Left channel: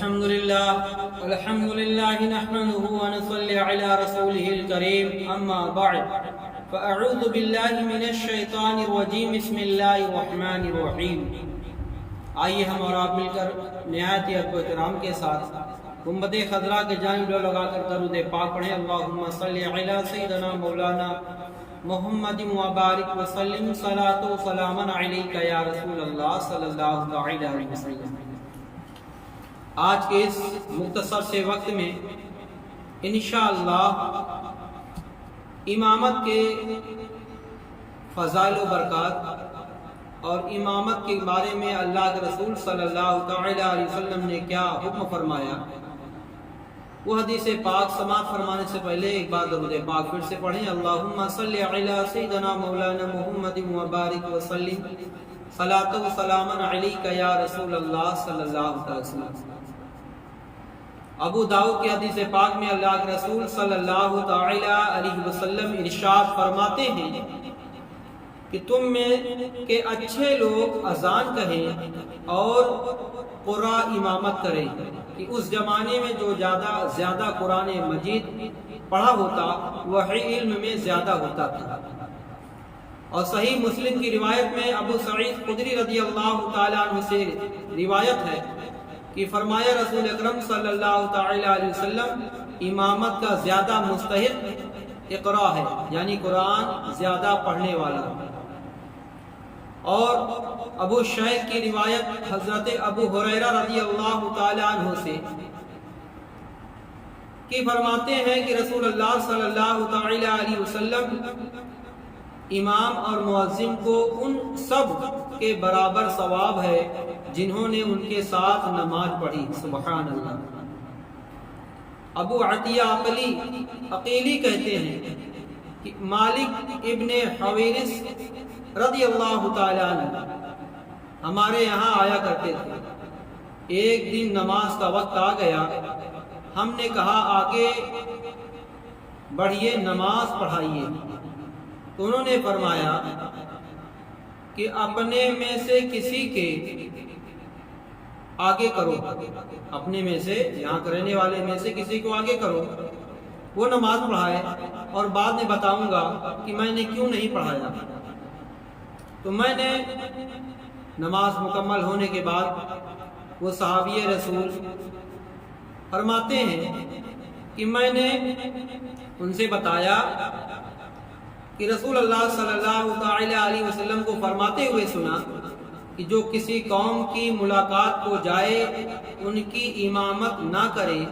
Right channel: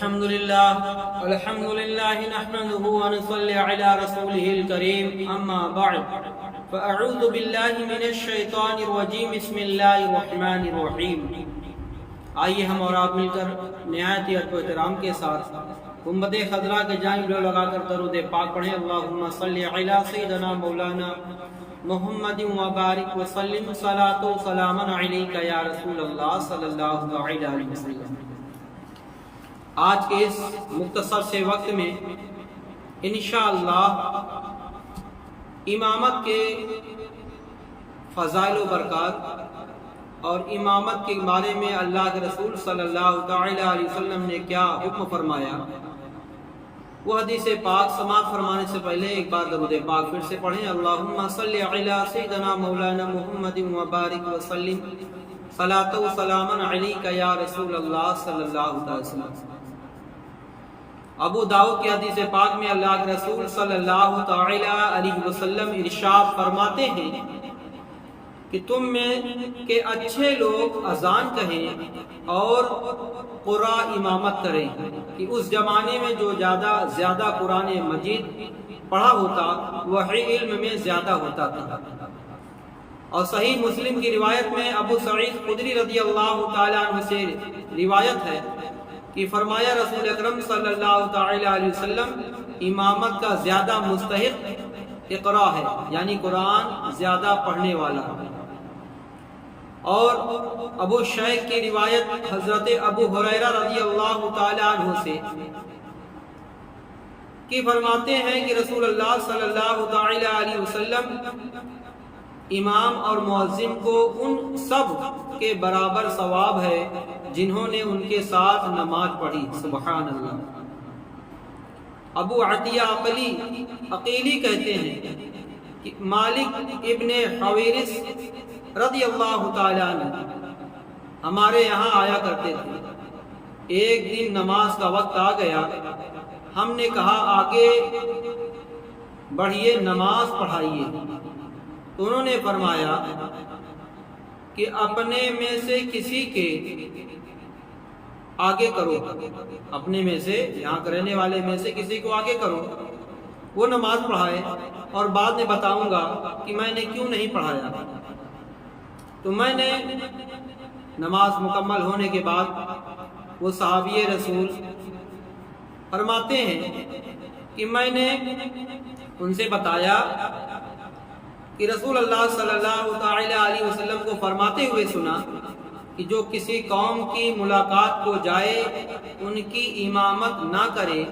الحمد لله نحمده ونصلي على رسوله الكريم اما بعد فاعوذ بالله من الشیطان الرجیم بسم اللہ الرحمن الرحیم۔ آئیے ہم اور آپ مل کر نہایت ہی ادب و احترام کے ساتھ گنبد خضراء کے جانب لگا کر درود پاک پڑھیں۔ اللہم صلی علی سیدنا مولانا محمد وبارک وسلم صلاۃ و سلاما علیک یا رسول اللہ صلی اللہ علیہ وسلم۔ آج کے اس مختصر سے وقت میں انشاءاللہ امامت کے فضائل و برکات اور امامت کے بارے میں اللہ کے رسول صلی اللہ تعالی علیہ وسلم نے کیا حکم فرمایا، وہ حدیث پاک سماعت فرمانے سے پہلے ایک بار درود پاک پھر سے پڑھیں۔ اللہم صلی علی سیدنا مولانا محمد وبارک وسلم صلاۃ و سلاما علیک یا رسول اللہ صلی اللہ علیہ وسلم۔ ابو داؤد کی حدیث پاک میں اللہ کے رسول صلی اللہ تعالی علیہ وسلم ارشاد فرماتے ہیں کہ تم میں کے اچھے لوگ اذان کہیں اور قرآ امامت کریں، کہ اس زمانے میں جو زیادہ قرآن مجید پڑھا ہوتا وہی علم میں زیادہ ہوتا تھا۔ اور صحیح مسلم کی روایت میں ابو سعید خدری رضی اللہ تعالی عنہ سے روایت ہے کہ فرمایا رسول اکرم صلی اللہ تعالی علیہ وسلم امامت کا زیادہ مستحق اقرا ہے، یعنی قرآن زیادہ پڑھنے والا۔ اور ابو شیخ کی روایت حضرت ابو ہریرہ رضی اللہ تعالی عنہ سے کہ فرماتے ہیں کہ رسول اللہ صلی اللہ تعالی علیہ وسلم امام اور مؤذن کو ان سب کے برابر ثواب ہے جنہوں نے ان کے ساتھ نماز پڑھی۔ سبحان اللہ۔ ابو عطیہ عقیلی کہتے ہیں کہ مالک ابن حویرث رضی اللہ تعالی عنہ ہمارے یہاں آیا کرتے تھے۔ ایک دن نماز کا وقت آ گیا، ہم نے کہا آگے بڑھیے نماز پڑھائیے، تو انہوں نے فرمایا کہ اپنے میں سے کسی کے آگے کرو، اپنے میں سے یہاں رہنے والے میں سے کسی کو آگے کرو، وہ نماز پڑھائے، اور بعد میں بتاؤں گا کہ میں نے کیوں نہیں پڑھایا۔ تو میں نے نماز مکمل ہونے کے بعد وہ صحابی رسول فرماتے ہیں کہ میں نے ان سے بتایا کہ رسول اللہ صلی اللہ تعالی علیہ وسلم کو فرماتے ہوئے سنا کہ جو کسی قوم کی ملاقات کو جائے ان کی امامت نہ کرے،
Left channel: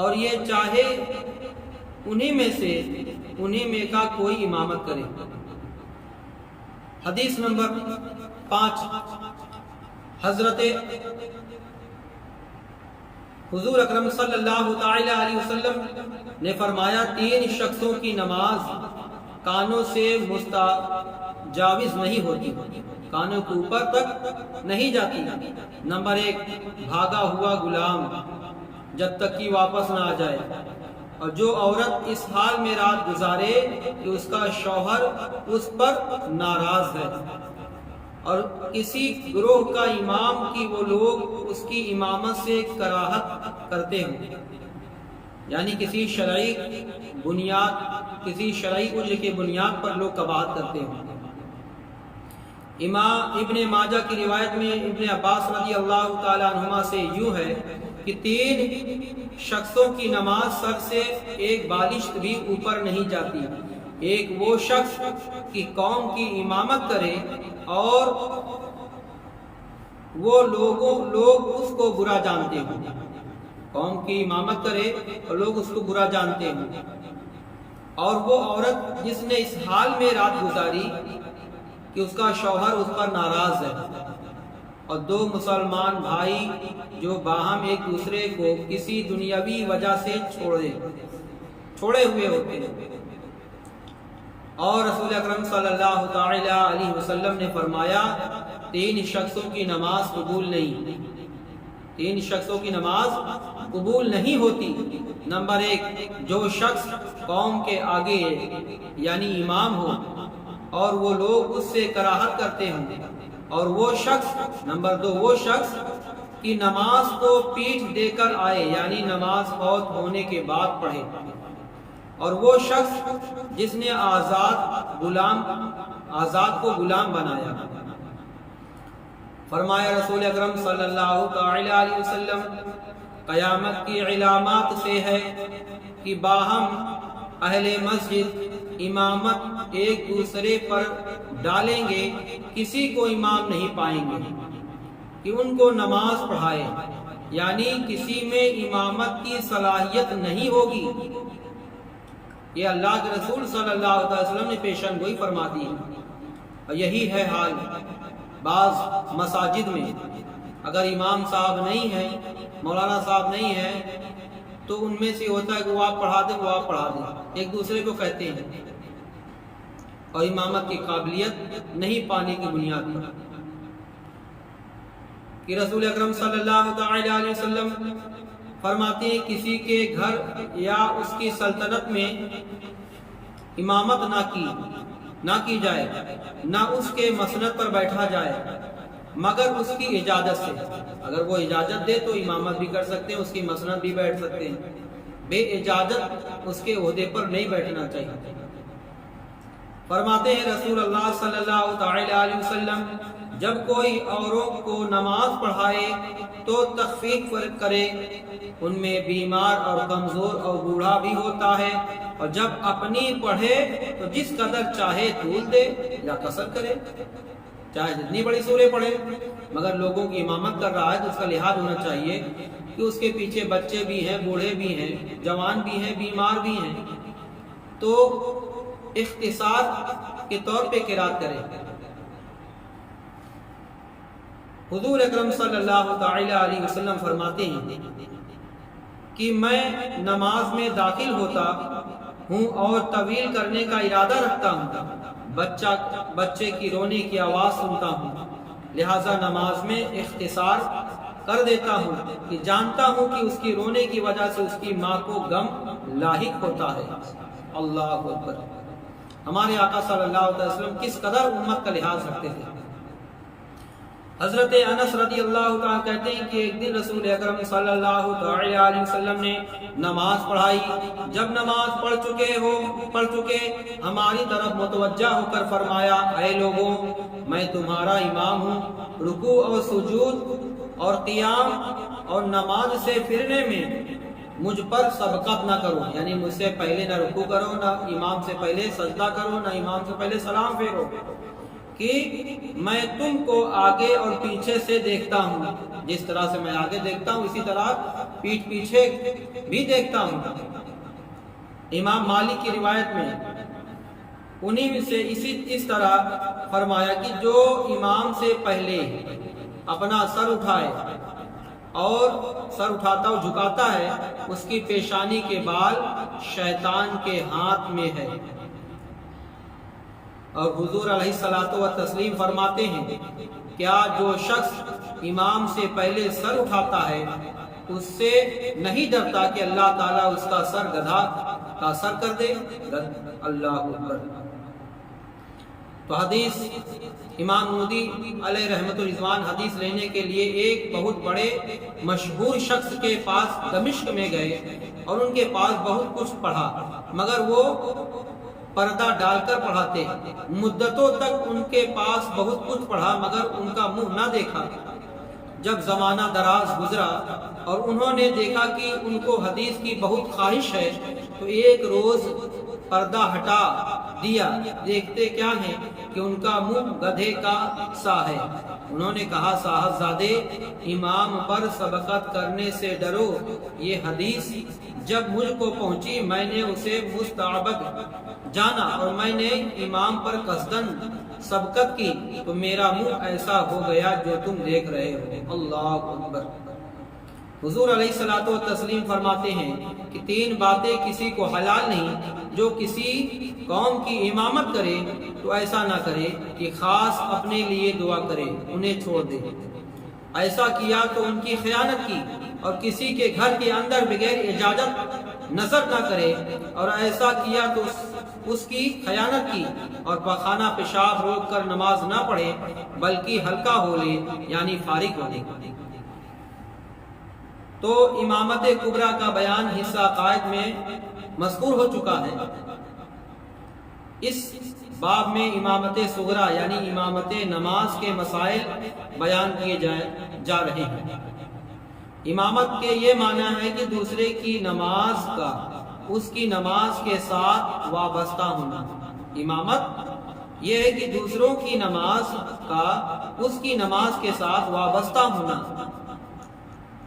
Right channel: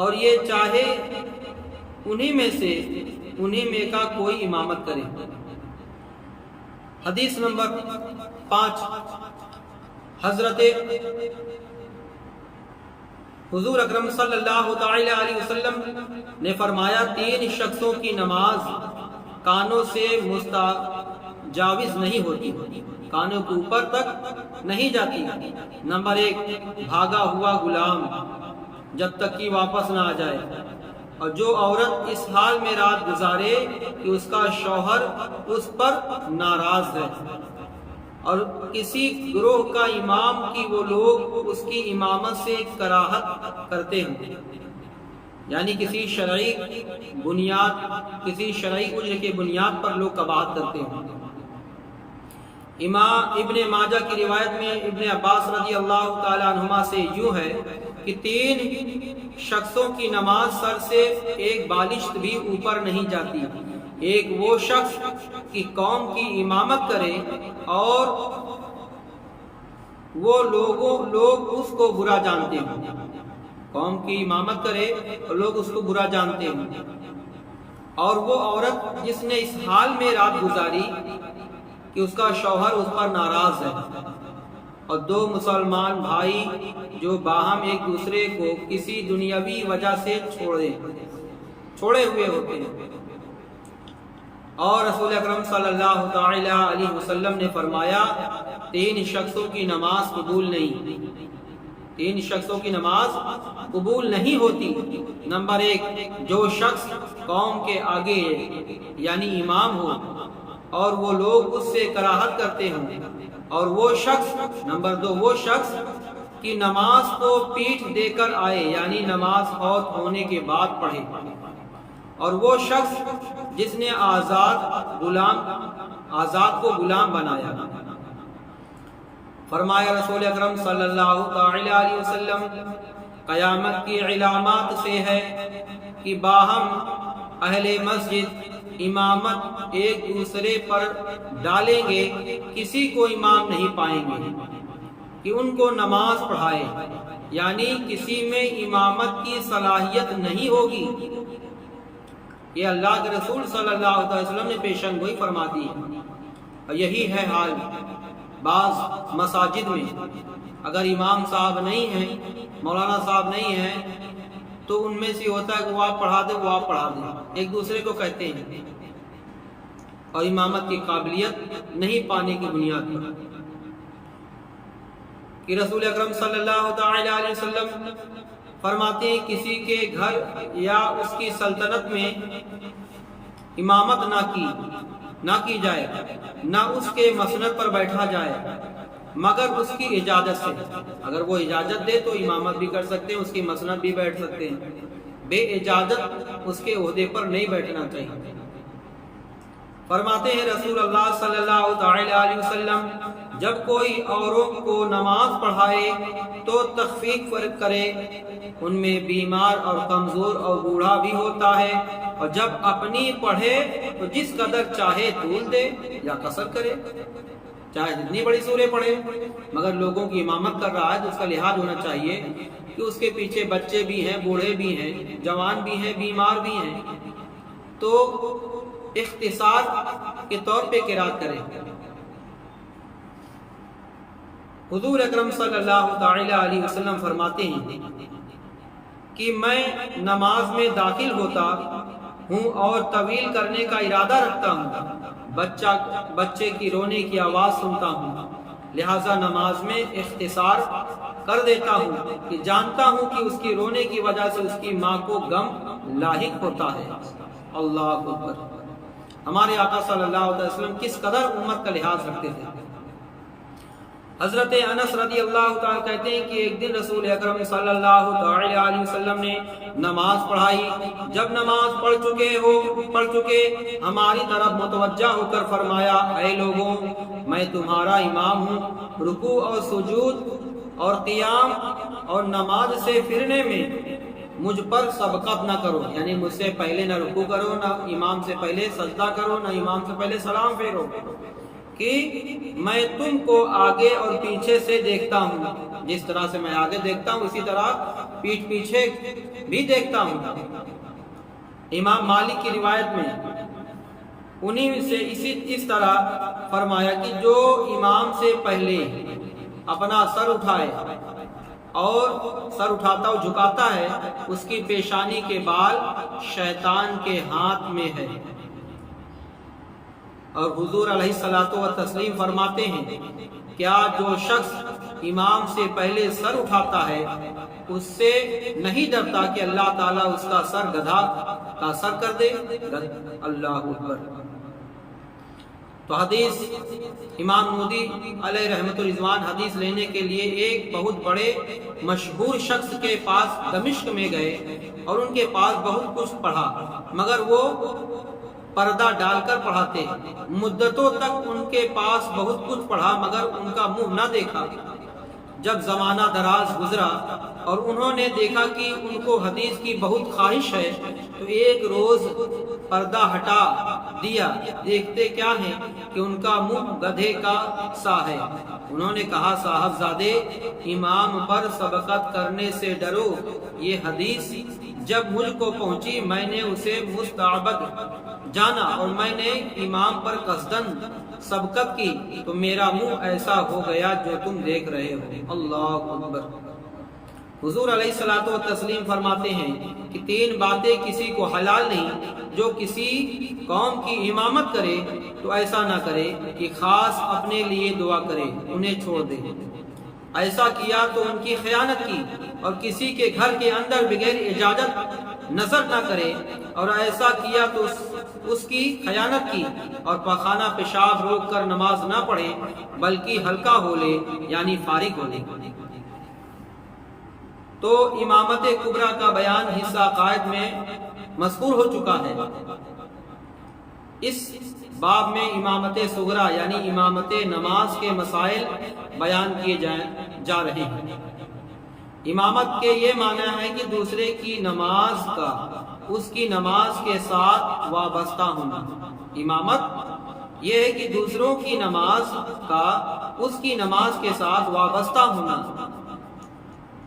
اور یہ چاہے انہی میں کا کوئی امامت کرے۔ حدیث نمبر 5۔ حضرت حضور اکرم صلی اللہ تعالی علیہ وسلم نے فرمایا 3 شخصوں کی نماز کانوں سے مستجاوز نہیں ہوتی، کانوں کے اوپر تک نہیں جاتی۔ نمبر 1 بھاگا ہوا غلام جب تک کہ واپس نہ آ جائے، اور جو عورت اس حال میں رات گزارے کہ اس کا شوہر اس پر ناراض ہے، اور کسی گروہ کا امام کی وہ لوگ اس کی امامت سے کراہت کرتے ہیں، یعنی کسی شرعی اجر کے بنیاد پر لوگ قباحت کرتے ہیں۔ امام ابن ماجہ کی روایت میں ابن عباس رضی اللہ تعالی عنہما سے یوں ہے کہ 3 شخصوں کی نماز سر سے ایک بالشت بھی اوپر نہیں جاتی۔ ایک وہ شخص کی قوم کی امامت کرے اور وہ لوگ اس کو برا جانتے ہیں، قوم کی امامت کرے اور لوگ اس کو برا جانتے ہیں، اور وہ عورت جس نے اس حال میں رات گزاری کہ اس کا شوہر اس پر ناراض ہے، اور 2 مسلمان بھائی جو باہم ایک دوسرے کو کسی دنیاوی وجہ سے چھوڑے ہوئے ہوتے ہیں۔ اور رسول اکرم صلی اللہ تعالی علیہ وسلم نے فرمایا 3 شخصوں کی نماز قبول نہیں، 3 شخصوں کی نماز قبول نہیں ہوتی۔ نمبر 1 جو شخص قوم کے آگے ہے، یعنی امام ہو، اور وہ لوگ اس سے کراہت کرتے ہوں، اور وہ شخص نمبر 2 وہ شخص کہ نماز کو پیٹھ دے کر آئے، یعنی نماز فوت ہونے کے بعد پڑھے، اور وہ شخص جس نے آزاد کو غلام بنایا۔ فرمایا رسول اکرم صلی اللہ تعالی علیہ وسلم، قیامت کی علامات سے ہے کہ باہم اہل مسجد امامت ایک دوسرے پر ڈالیں گے، کسی کو امام نہیں پائیں گے کہ ان کو نماز پڑھائے، یعنی کسی میں امامت کی صلاحیت نہیں ہوگی۔ یہ اللہ کے رسول صلی اللہ علیہ وسلم نے پیشن گوئی فرما دی ہے، اور یہی ہے حال بعض مساجد میں۔ اگر امام صاحب نہیں ہیں، مولانا صاحب نہیں ہیں، تو ان میں سے ہوتا ہے کہ وہ آپ پڑھا دیں، وہ آپ پڑھا دیں، ایک دوسرے کو کہتے ہیں، اور امامت کی قابلیت نہیں پانے کی بنیاد پر کہ رسول اکرم صلی اللہ تعالی علیہ وسلم فرماتے ہیں کسی کے گھر یا اس کی سلطنت میں امامت نہ کی جائے، نہ اس کے مسند پر بیٹھا جائے مگر اس کی اجازت سے۔ اگر وہ اجازت دے تو امامت بھی کر سکتے ہیں، اس کی مسند بھی بیٹھ سکتے ہیں، بے اجازت اس کے عہدے پر نہیں بیٹھنا چاہیے۔ فرماتے ہیں رسول اللہ صلی اللہ تعالی علیہ وسلم، جب کوئی اوروں کو نماز پڑھائے تو تخفیف کرے، ان میں بیمار اور کمزور اور بوڑھا بھی ہوتا ہے، اور جب اپنی پڑھے تو جس قدر چاہے طول دے یا قصر کرے، چاہے جتنی بڑی سورے پڑھے، مگر لوگوں کی امامت کر رہا ہے تو اس کا لحاظ ہونا چاہیے کہ اس کے پیچھے بچے بھی ہیں، بوڑھے بھی ہیں، جوان بھی ہیں، بیمار بھی ہیں، تو اختصار کے طور پہ قرات کرے۔ حضور اکرم صلی اللہ تعالی علیہ وسلم فرماتے ہیں کہ میں نماز میں داخل ہوتا ہوں اور طویل کرنے کا ارادہ رکھتا ہوں، بچے کی رونے کی آواز سنتا ہوں، لہٰذا نماز میں اختصار کر دیتا ہوں کہ جانتا ہوں کہ اس کی رونے کی وجہ سے اس کی ماں کو غم لاحق ہوتا ہے۔ اللہ اکبر! ہمارے آقا صلی اللہ علیہ وسلم کس قدر امت کا لحاظ رکھتے تھے۔ حضرت انس رضی اللہ تعالیٰ کہتے ہیں کہ ایک دن رسول اکرم صلی اللہ تعالی علیہ وسلم نے نماز پڑھائی، جب نماز پڑھ چکے ہماری طرف متوجہ ہو کر فرمایا، اے لوگوں، میں تمہارا امام ہوں، رکوع اور سجود اور قیام اور نماز سے پھرنے میں مجھ پر سبقت نہ کرو، یعنی مجھ سے پہلے نہ رکوع کرو، نہ امام سے پہلے سجدہ کرو، نہ امام سے پہلے سلام پھیرو، کہ میں تم کو آگے اور پیچھے سے دیکھتا ہوں، جس طرح سے میں آگے دیکھتا ہوں اسی طرح پیٹھ پیچھے بھی دیکھتا ہوں۔ امام مالک کی روایت میں انہی سے اس طرح فرمایا کہ جو امام سے پہلے اپنا سر اٹھائے اور سر اٹھاتا اور جھکاتا ہے، اس کی پیشانی کے بال شیطان کے ہاتھ میں ہے۔ اور حضور علیہ الصلوۃ والتسلیم فرماتے ہیں، کیا جو شخص امام سے پہلے سر اٹھاتا ہے اس سے نہیں ڈرتا کہ اللہ تعالیٰ اس کا سر گدھا کا سر کر دے؟ اللہ اکبر! تو حدیث امام نودی علیہ رحمت الرضوان حدیث لینے کے لیے ایک بہت بڑے مشہور شخص کے پاس دمشق میں گئے اور ان کے پاس بہت کچھ پڑھا، مگر وہ پردہ ڈال کر پڑھاتے، مدتوں تک ان کے پاس بہت کچھ پڑھا مگر ان کا منہ نہ دیکھا۔ جب زمانہ دراز گزرا اور انہوں نے دیکھا کہ ان کو حدیث کی بہت خواہش ہے تو ایک روز پردہ ہٹا دیا، دیکھتے کیا ہیں کہ ان کا منہ گدھے کا سا ہے۔ انہوں نے کہا، صاحبزادے، امام پر سبقت کرنے سے ڈرو۔ یہ حدیث جب مجھ کو پہنچی میں نے اسے مستعبد جانا اور میں نے امام پر قصدن سبقت کی تو میرا منہ ایسا ہو گیا جو تم دیکھ رہے ہو۔ اللہ اکبر! حضور علیہ الصلوۃ والتسلیم فرماتے ہیں کہ تین باتیں کسی کو حلال نہیں، جو کسی قوم کی امامت کرے تو ایسا نہ کرے کہ خاص اپنے لیے دعا کرے، انہیں چھوڑ دے، ایسا کیا تو ان کی خیانت کی، اور کسی کے گھر کے اندر بغیر اجازت نظر نہ کرے، اور ایسا کیا تو اس کی خیانت کی، اور پخانہ پیشاب روک کر نماز نہ پڑھے بلکہ ہلکا ہو لے، یعنی فارغ ہو لے۔ تو امامت کبریٰ کا بیان حصہ عقائد میں مذکور ہو چکا ہے۔ اس باب میں امامت صغریٰ یعنی امامت نماز کے مسائل بیان کیے جا رہے ہیں۔ امامت کے یہ معنی ہے کہ دوسرے کی نماز کا اس کی نماز کے ساتھ وابستہ ہونا۔ امامت یہ ہے کہ دوسروں کی نماز کا اس کی نماز کے ساتھ وابستہ ہونا۔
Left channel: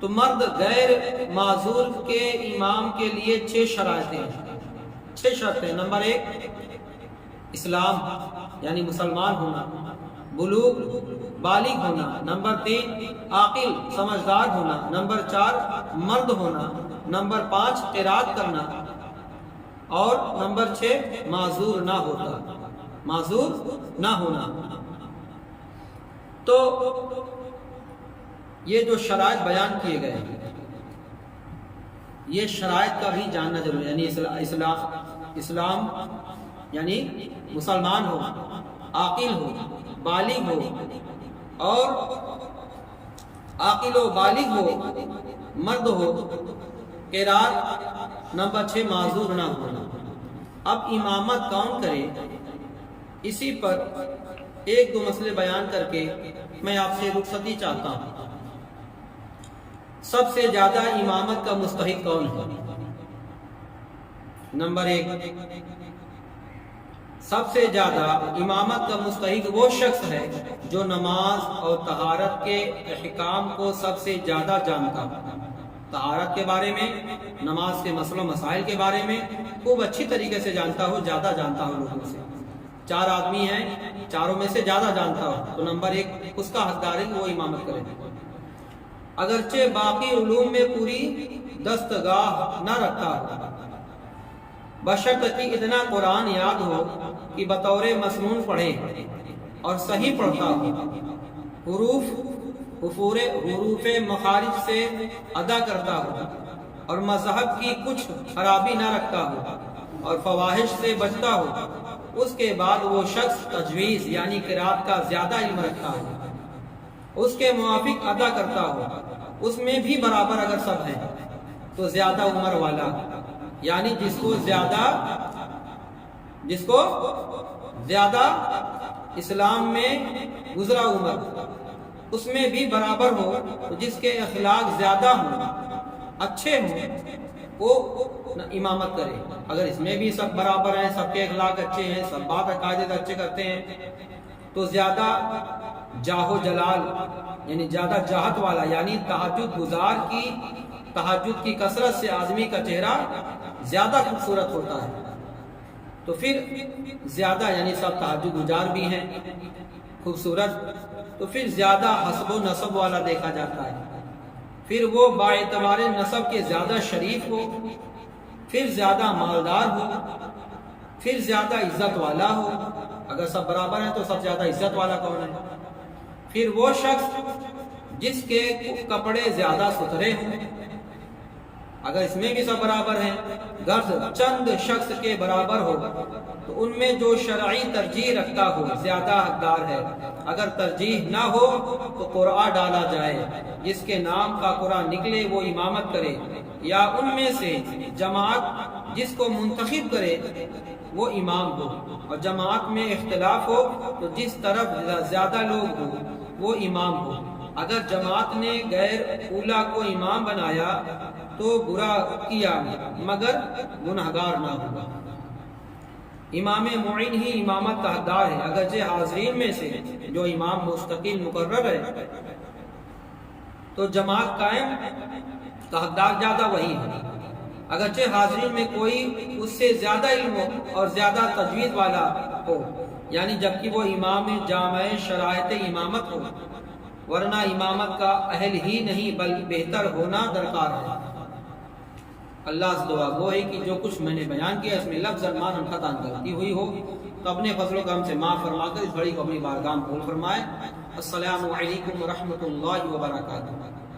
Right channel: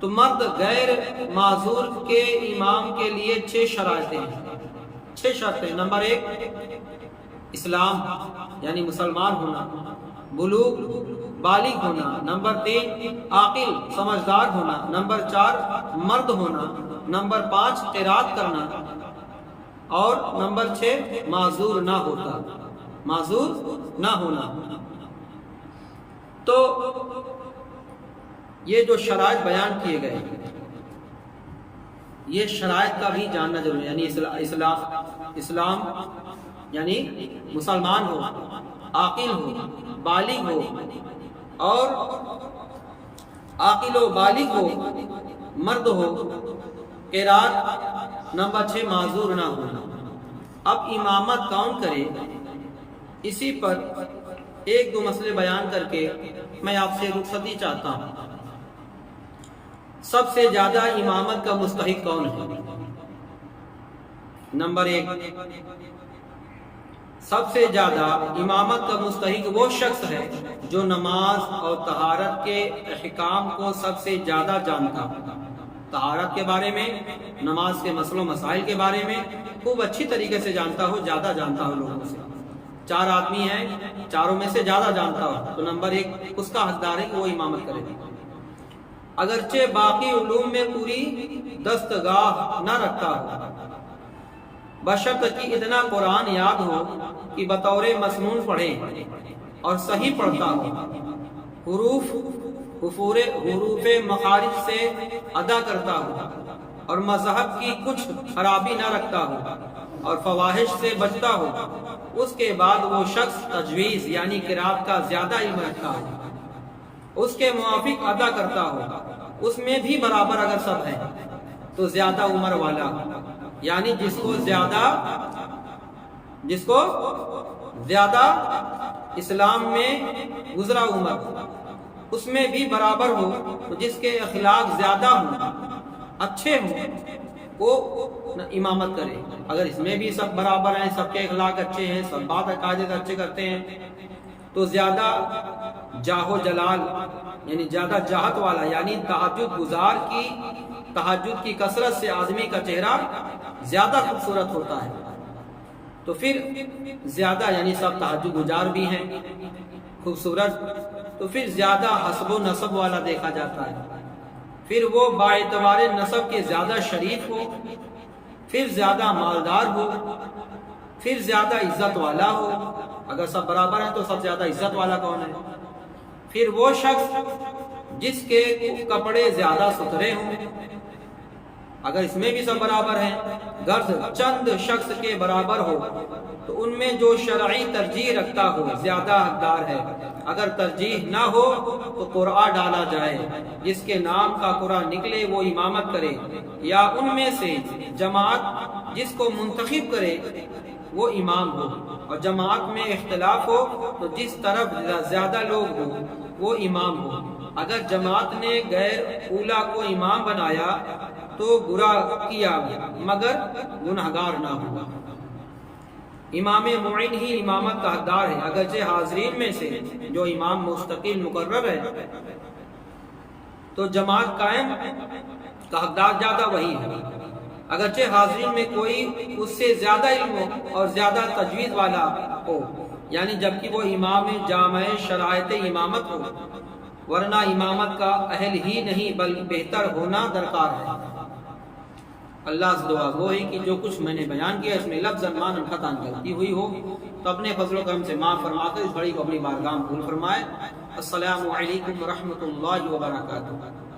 تو مرد غیر معذور کے امام کے لیے 6 شرائطیں ہیں، 6 شرطیں۔ نمبر 1 اسلام یعنی مسلمان ہونا، بلوغ بالغ ہونا۔ نمبر 3 عاقل سمجھدار ہونا۔ نمبر 4 مرد ہونا۔ نمبر 5 قرات کرنا، اور نمبر 6 معذور نہ ہونا۔ تو یہ جو شرائط بیان کیے گئے یہ شرائط کا بھی جاننا ضروری ہے، یعنی اسلام یعنی مسلمان ہو، عاقل ہو، بالغ ہو، اور عاقل و بالغ ہو، مرد ہو، قرات، نمبر 6 معذور نہ ہونا۔ اب امامت کون کرے، اسی پر 1-2 مسئلے بیان کر کے میں آپ سے رخصتی چاہتا ہوں۔ سب سے زیادہ امامت کا مستحق کون ہے؟ نمبر 1 سب سے زیادہ امامت کا مستحق وہ شخص ہے جو نماز اور طہارت کے احکام کو سب سے زیادہ جانتا ہو۔ طہارت کے بارے میں، نماز کے مسئلوں مسائل کے بارے میں خوب اچھی طریقے سے جانتا ہو، زیادہ جانتا ہو لوگوں سے۔ 4 آدمی ہیں، چاروں میں سے زیادہ جانتا ہو تو نمبر 1 اس کا حقدار ہے کہ وہ امامت کرے۔ اگرچہ باقی علوم میں پوری دستگاہ نہ رکھتا ہو، بشرط کہ اتنا قرآن یاد ہو کہ بطور مسنون پڑھے اور صحیح پڑھتا ہو، حروف مخارج سے ادا کرتا ہو، اور مذہب کی کچھ خرابی نہ رکھتا ہو، اور فواحش سے بچتا ہو۔ اس کے بعد وہ شخص تجویز یعنی قرات کا زیادہ علم رکھتا ہو، اس کے موافق ادا کرتا ہو، اس میں بھی برابر اگر سب ہیں تو زیادہ عمر والا، یعنی جس کو زیادہ اسلام میں گزرا عمر، اس میں بھی برابر ہو، تو جس کے اخلاق زیادہ ہوں، اچھے ہوں، وہ امامت کرے۔ اگر اس میں بھی سب برابر ہیں، سب کے اخلاق اچھے ہیں، سب بات عقائد اچھے کرتے ہیں، تو زیادہ جاہ و جلال یعنی زیادہ جاہت والا، یعنی تہجد گزار کی تہجد کی کثرت سے آدمی کا چہرہ زیادہ خوبصورت ہوتا ہے، تو پھر زیادہ یعنی سب تہجد گزار بھی ہیں خوبصورت، تو پھر زیادہ حسب و نسب والا دیکھا جاتا ہے، پھر وہ باعتبار نسب کے زیادہ شریف ہو، پھر زیادہ مالدار ہو، پھر زیادہ عزت والا ہو۔ اگر سب برابر ہیں تو سب زیادہ عزت والا کون ہے؟ پھر وہ شخص جس کے کپڑے زیادہ ستھرے ہوں، اگر اس میں بھی سب برابر ہیں، غرض چند شخص کے برابر ہو تو ان میں جو شرعی ترجیح رکھتا ہو زیادہ حقدار ہے۔ اگر ترجیح نہ ہو تو قرعہ ڈالا جائے، جس کے نام کا قرعہ نکلے وہ امامت کرے، یا ان میں سے جماعت جس کو منتخب کرے وہ امام ہو، اور جماعت میں اختلاف ہو تو جس طرف زیادہ لوگ ہوں وہ امام ہو۔ اگر جماعت نے غیر اولا کو امام بنایا تو برا کیا مگر گنہگار نہ ہوا۔ امام معین ہی امامت کا حقدار ہے، اگرچہ حاضرین میں سے جو امام مستقل مقرر ہے تو جماعت قائم کا حقدار زیادہ وہی ہے، اگرچہ حاضرین میں کوئی اس سے زیادہ علم ہو اور زیادہ تجوید والا ہو، یعنی جبکہ وہ امام جامع شرائط امامت ہو، ورنہ امامت کا اہل ہی نہیں بلکہ بہتر ہونا درکار ہے۔ اللہ سے دعا گو ہے کہ جو کچھ میں نے بیان کیا اس میں لفظ معنی خطا غلطی ہوئی ہو تو اپنے فضل و کرم سے معاف فرما کر اس گھڑی کو اپنی بارگاہ میں قبول فرمائے۔ السلام علیکم ورحمۃ اللہ وبرکاتہ۔